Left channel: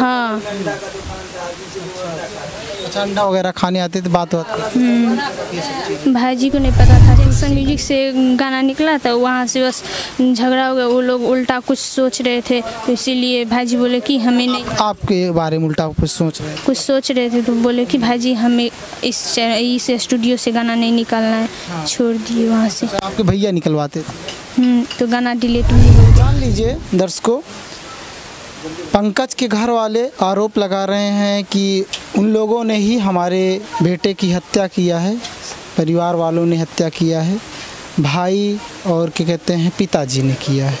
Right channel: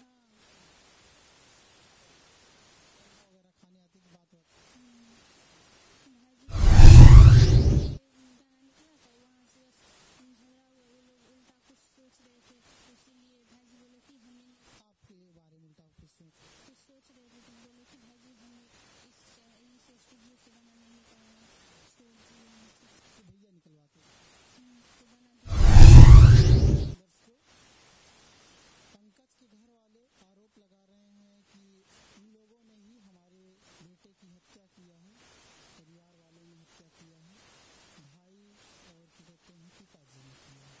हाँ। अच्छा, अंडा वगैरह खाने आते थे, बात भाई जी को नहीं पता था। जंक्शन म्यूजिक से गाना निकला था, वहाँ से बस झगड़ा हो गया। वो लोग उल्टा कुछ सोच रहे थे, तो इसीलिए भाई जी बोले कि हमें नहीं, आपके बारे में उल्टा कुछ सोच रहे हैं? कुछ सोच रहे थे तो बोले कि भाई जी हमें इस स्टूडियो से गाना नहीं निकालना है। हाँ। छोड़ दिए वहाँ से। आपके भैया निकलवाते थे? तो गाना डिलीट नहीं हुआ। जान लीजिए दर्शकों, पंकज के घर वाले आरोप लगा रहे हैं कि उन लोगों ने ही हमारे बेटे की हत्या किया है, परिवार वालों ने हत्या किया है, भाई और क्या कहते हैं पिताजी ने किया है।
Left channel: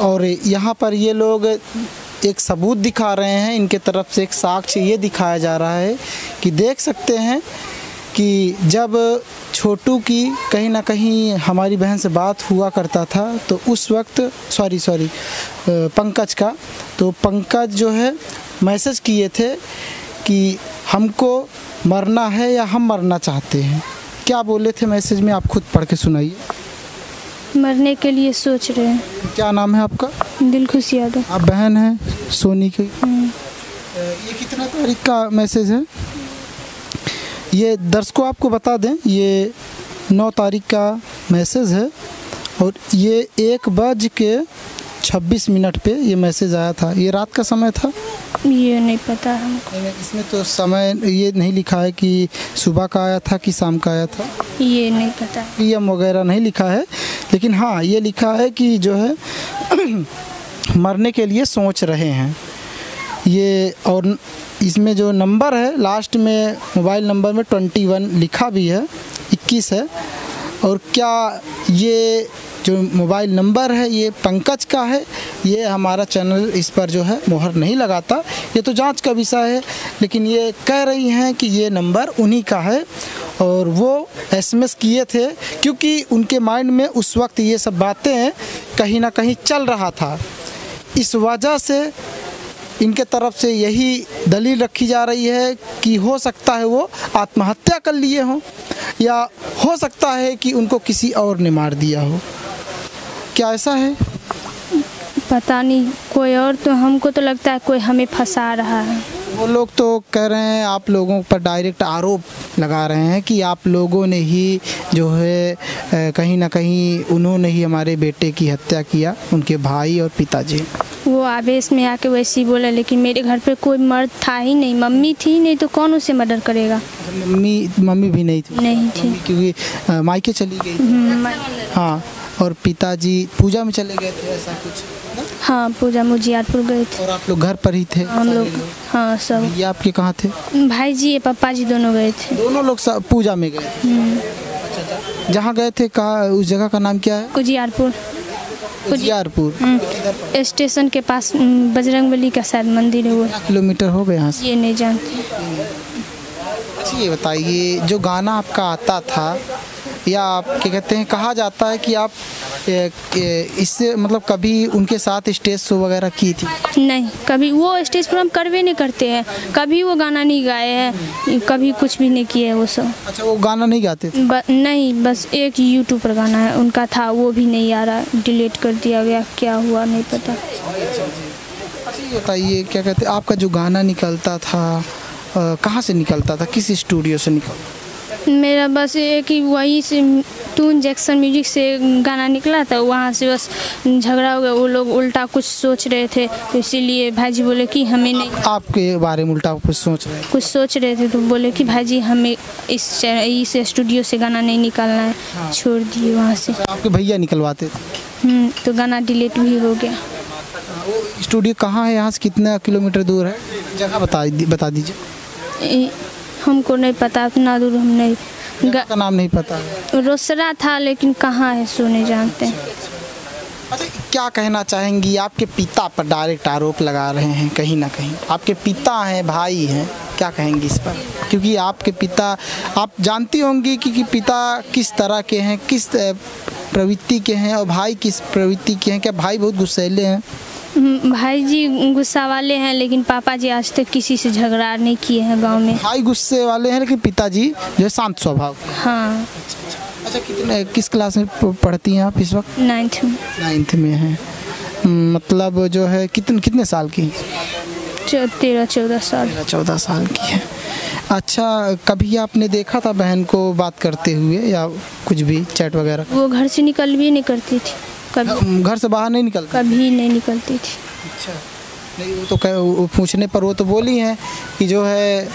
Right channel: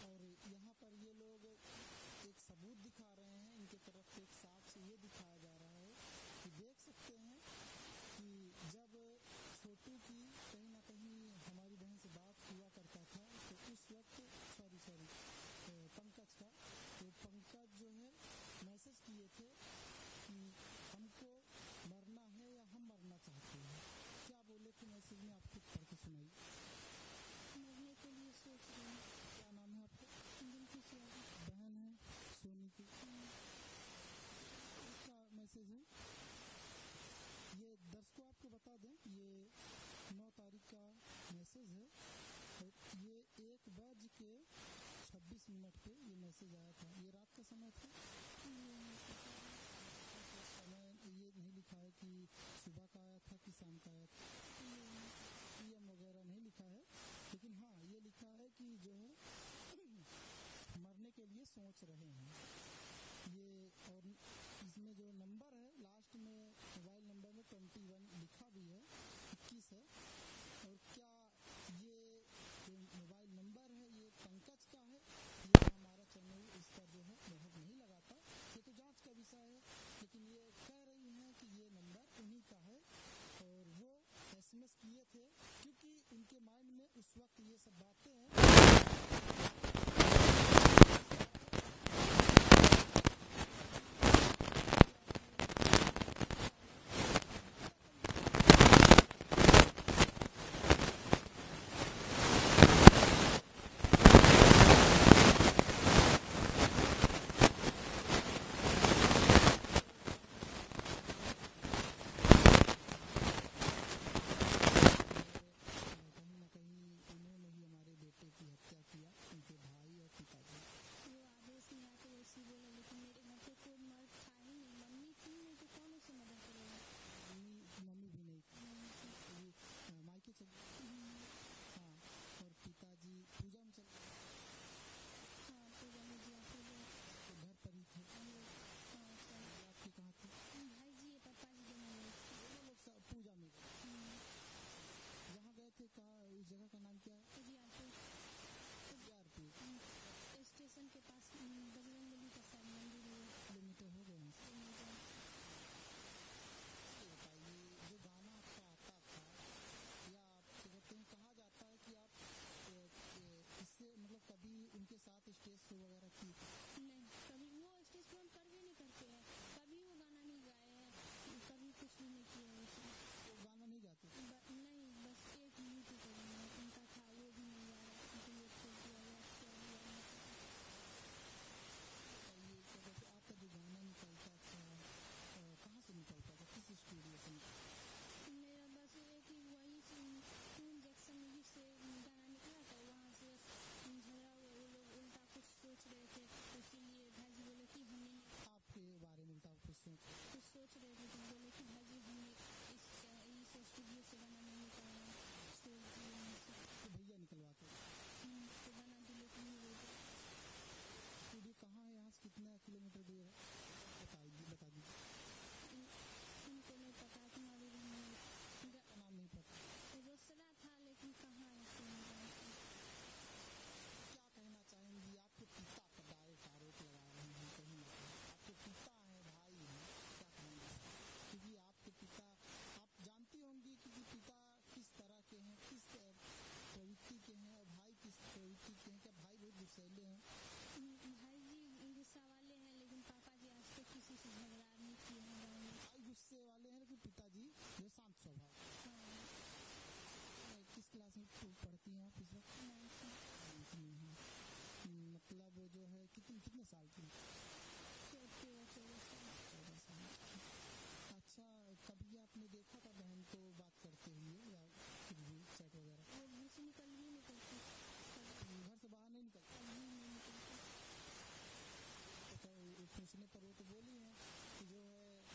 और यहाँ पर ये लोग एक सबूत दिखा रहे हैं, इनके तरफ से एक साक्ष्य ये दिखाया जा रहा है कि देख सकते हैं कि जब छोटू की कहीं ना कहीं हमारी बहन से बात हुआ करता था तो उस वक्त पंकज का, तो पंकज जो है मैसेज किए थे कि हमको मरना है या हम मरना चाहते हैं। क्या बोले थे मैसेज में, आप खुद पढ़ के सुनाइए। मरने के लिए सोच रहे हैं। क्या नाम है आपका? दिलखुश यादव। आप बहन हैं सोनी की। ये कितना तारीख का मैसेज है? ये दर्शकों आपको बता दें, ये 9 तारीख का मैसेज है और ये 1:26 पे ये मैसेज आया था। ये रात का समय था? ये नहीं पता हमको। इसमें तो समय ये नहीं लिखा है कि सुबह का आया था कि शाम का आया था। ये नहीं पता। PM वगैरह नहीं लिखा है, लेकिन हाँ ये लिखा है कि जो है मरने के लिए सोच रहे हैं ये। और इसमें जो नंबर है लास्ट में मोबाइल नंबर में 21 लिखा भी है, 21 है। और क्या ये जो मोबाइल नंबर है ये पंकज का है? ये हमारा चैनल इस पर जो है मोहर नहीं लगाता, ये तो जांच का विषय है, लेकिन ये कह रही हैं कि ये नंबर उन्हीं का है और वो SMS किए थे क्योंकि उनके माइंड में उस वक्त ये सब बातें कहीं ना कहीं चल रहा था। इस वजह से इनके तरफ से यही दलील रखी जा रही है कि हो सकता है वो आत्महत्या कर लिए हों या हो सकता है कि उनको किसी और ने मार दिया हो। क्या ऐसा है? पता नहीं, कोई और, तो हमको तो लगता है कोई हमें फंसा रहा है। वो लोग तो कह रहे हैं, आप लोगों पर डायरेक्ट आरोप लगा रहे हैं कि आप लोगों ने ही जो है कहीं ना कहीं उन्होंने ही हमारे बेटे की हत्या किया, उनके भाई और पिताजी। वो आवेश में आके वैसे ही बोला, लेकिन मेरे घर पे कोई मर्द था ही नहीं। मम्मी थी नहीं तो कौन उसे मर्डर करेगा? मम्मी भी नहीं थी? नहीं थी, क्योंकि मायके चली गई। हाँ, और पिताजी पूजा में चले गए थे ऐसा कुछ ना? हाँ, पूजा मुजियारपुर गए थे। और आप लोग घर पर ही थे? हम लोग, हाँ सब। ये आपके कहाँ थे? भाई जी या पापा जी दोनों गए थे। दोनों लोग पूजा में गए थे? जहाँ गए थे कहाँ, उस जगह का नाम क्या है? उजियारपुर। उजियारपुर स्टेशन के पास बजरंगबली का शायद मंदिर है। वो किलोमीटर हो गए यहाँ से? ये नहीं जानती। अच्छा ये बताइए, जो गाना आपका आता था या आप क्या कहते हैं, कहा जाता है कि आप इससे मतलब कभी उनके साथ स्टेज शो वगैरह की थी? नहीं, कभी वो स्टेज पर हम करवे नहीं करते हैं, कभी वो गाना नहीं गाए हैं, कभी कुछ भी नहीं किए वो सब। अच्छा, वो गाना नहीं गाते थे? नहीं, बस एक यूट्यूब पर गाना है उनका था, वो भी नहीं आ रहा, डिलीट कर दिया गया, क्या हुआ नहीं पता। अच्छा ये बताइए, क्या कहते हैं, आपका जो गाना निकलता था कहाँ से निकलता था, किस स्टूडियो से निकलता? मेरा बस एक ही वहीं से टून जंक्शन म्यूजिक से गाना निकला था, वहाँ से बस झगड़ा हो गया। वो लोग उल्टा कुछ सोच रहे थे, तो इसीलिए भाई जी बोले कि हमें नहीं। आपके बारे में उल्टा कुछ सोच रहे थे? तो बोले कि भाई जी हमें इस स्टूडियो से गाना नहीं निकालना है। हाँ। छोड़ दिए वहाँ से। आपके भैया निकलवाते थे? तो गाना डिलीट भी हो गया। वो स्टूडियो कहाँ है, यहाँ से कितना किलोमीटर दूर है? जगह बता दीजिए। हमको नहीं पता, इतना दूर हम नहीं। जगह का नाम नहीं पता है? रोसड़ा था, लेकिन कहाँ है सो नहीं जानते। अच्छा, क्या कहना चाहेंगी? आपके पिता पर डायरेक्ट आरोप लगा रहे हैं, कहीं ना कहीं आपके पिता हैं, भाई हैं, क्या कहेंगी इस पर? क्योंकि आपके पिता, आप जानती होंगी कि पिता किस तरह के हैं, किस प्रवृत्ति के हैं, और भाई किस प्रवृत्ति के हैं। क्या भाई बहुत गुस्सैले हैं? भाई जी गुस्सा वाले हैं, लेकिन पापा जी आज तक किसी से झगड़ा नहीं किए हैं गांव में। भाई गुस्से वाले हैं, लेकिन पिताजी जो है शांत स्वभाव। हाँ। अच्छा, किस क्लास में पढ़ती हैं आप इस वक्त? 9th में। 9th में हैं, मतलब जो है कितने साल की? 13-14 साल। 14 साल की है। अच्छा, कभी आपने देखा था बहन को बात करते हुए या कुछ भी चैट वगैरह? वो घर से निकल भी नहीं करती थी कभी। घर से बाहर नहीं निकलती? कभी नहीं निकलती थी। अच्छा, नहीं वो तो वो पूछने पर वो तो बोली हैं कि जो है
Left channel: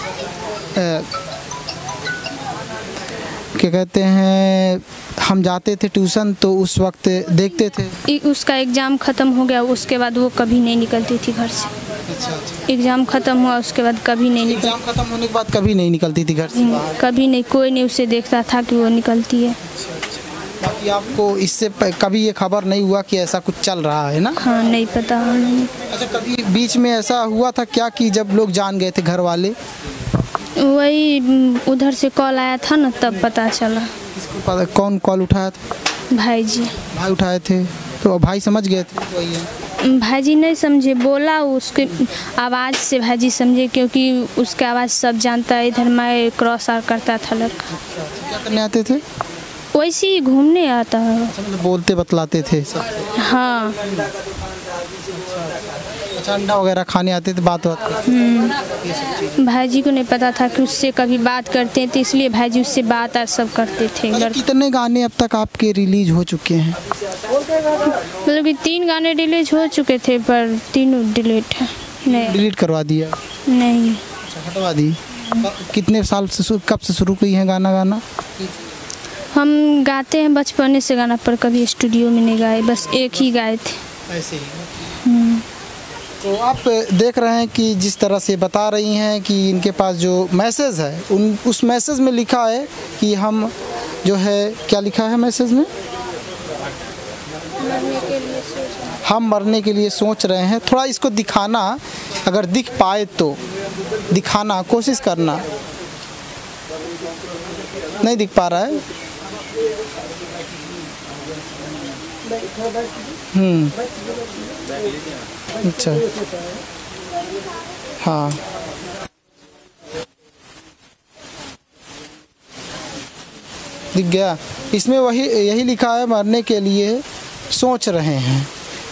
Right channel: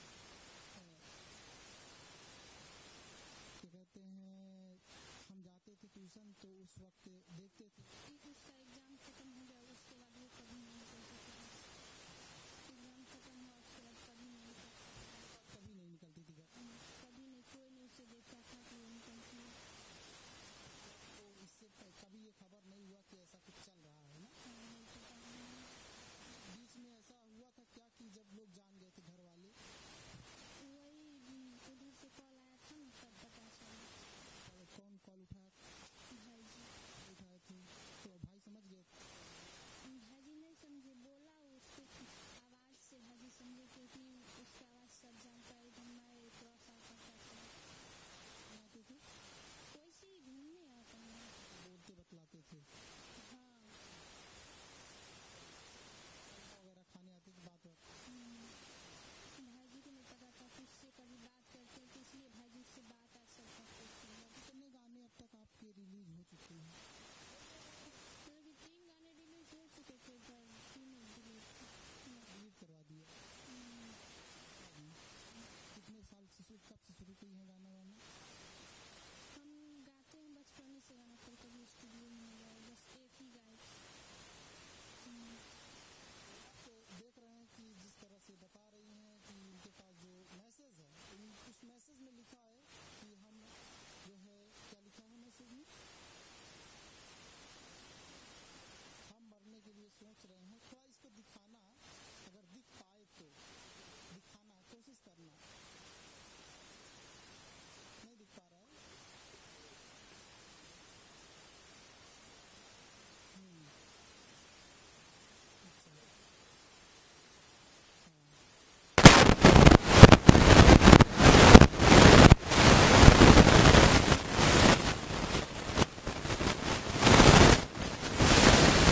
क्या कहते हैं, हम जाते थे ट्यूशन तो उस वक्त देखते थे। उसका एग्ज़ाम ख़त्म हो गया, उसके बाद वो कभी नहीं निकलती थी घर से। अच्छा। एग्ज़ाम ख़त्म हुआ उसके बाद कभी नहीं निकलती। एग्जाम खत्म होने के बाद कभी नहीं निकलती थी घर से बाहर? कभी नहीं, कोई नहीं उसे देखता था कि वो निकलती है। बाकी आपको इससे कभी ये खबर नहीं हुआ कि ऐसा कुछ चल रहा है ना? हाँ, नहीं पता नहीं। अच्छा, कभी बीच में ऐसा हुआ था क्या कि जब लोग जान गए थे घर वाले? वही उधर से कॉल आया था ना, तब पता चला। किसको पता? कौन कॉल उठाया था? भाई जी। भाई उठाए थे तो भाई समझ गए थे? वही है। भाईजी नहीं समझे, बोला उसके आवाज़ से भाईजी समझे, क्योंकि उसके आवाज़ सब जानता है। इधर मैं क्रॉस आर करता था लड़का। क्या करने आते थे? वैसे ही घूमने आता है। अच्छा, मतलब बोलते बतलाते थे सब? हाँ। अच्छा, अंडा वगैरह खाने आते थे, बात भाईजी को नहीं पता था कि उससे कभी बात करते हैं, तो इसलिए भाईजी उससे बात और सब करते थे। अच्छा, कितने गाने अब तक आपके रिलीज हो चुके हैं? मतलब कि 3 गाने रिलीज हो चुके थे, पर तीनों डिलीट है। नहीं, डिलीट करवा दिया? नहीं। अच्छा, हटवा दी। कितने साल से, कब से शुरू की हैं गाना गाना? हम गाते हैं बचपने से गाना, पर कभी स्टूडियो में नहीं गाए, बस एक ही गाए थे। ऐसे ही। तो आप देख रहे हैं कि जिस तरह से बता रही हैं कि इनके पास जो मैसेज है उस मैसेज में लिखा है कि हम जो है, क्या लिखा है मैसेज में? हम मरने के लिए सोच रहे हैं। थोड़ा इसको दिखाना, अगर दिख पाए तो दिखाना, कोशिश करना। नहीं दिख पा रहा है? अच्छा, हाँ। दिख गया? इसमें यही लिखा है, मरने के लिए सोच रहे हैं।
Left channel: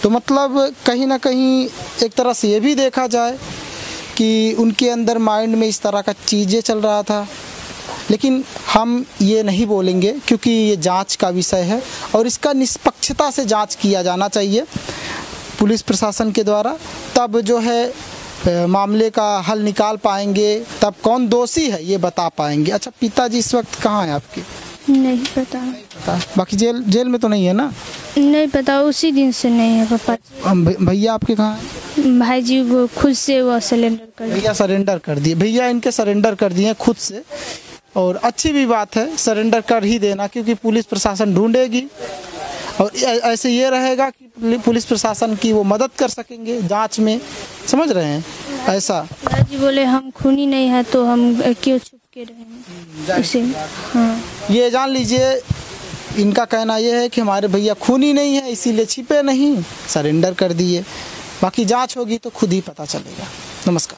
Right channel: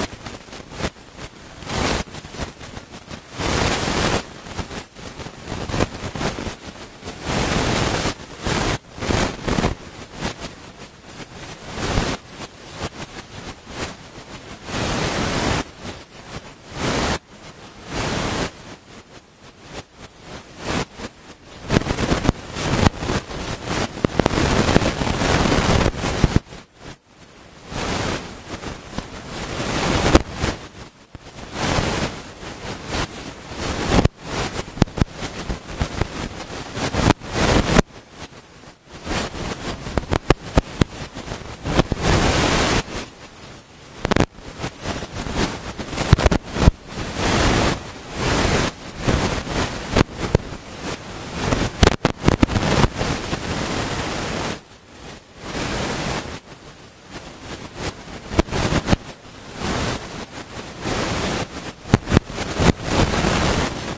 तो मतलब कहीं ना कहीं एक तरह से ये भी देखा जाए कि उनके अंदर माइंड में इस तरह का चीज़ें चल रहा था। लेकिन हम ये नहीं बोलेंगे क्योंकि ये जांच का विषय है और इसका निष्पक्षता से जांच किया जाना चाहिए पुलिस प्रशासन के द्वारा। तब जो है मामले का हल निकाल पाएंगे, तब कौन दोषी है ये बता पाएंगे। अच्छा, पिताजी इस वक्त कहाँ हैं आपके? नहीं पता। बाकी जेल में तो नहीं है ना? नहीं पता, उसी दिन से नहीं है पता। भैया आपके कहाँ? भाई जी वो खुद से वो सरेंडर कर दिए। भैया सरेंडर कर दिए? भैया इनके सरेंडर कर दिए खुद से, और अच्छी भी बात है, सरेंडर कर ही देना, क्योंकि पुलिस प्रशासन ढूंढेगी और ऐसे ये रहेगा कि पुलिस प्रशासन की वो मदद कर सकेंगे जांच में। समझ रहे हैं? ऐसा बोले हम खूनी नहीं है तो हम क्यों उसे। हाँ, ये जान लीजिए, इनका कहना ये है कि हमारे भैया खूनी नहीं है, इसीलिए छिपे नहीं, सरेंडर कर दिए। बाकी जांच होगी तो खुद ही पता चलेगा। नमस्कार।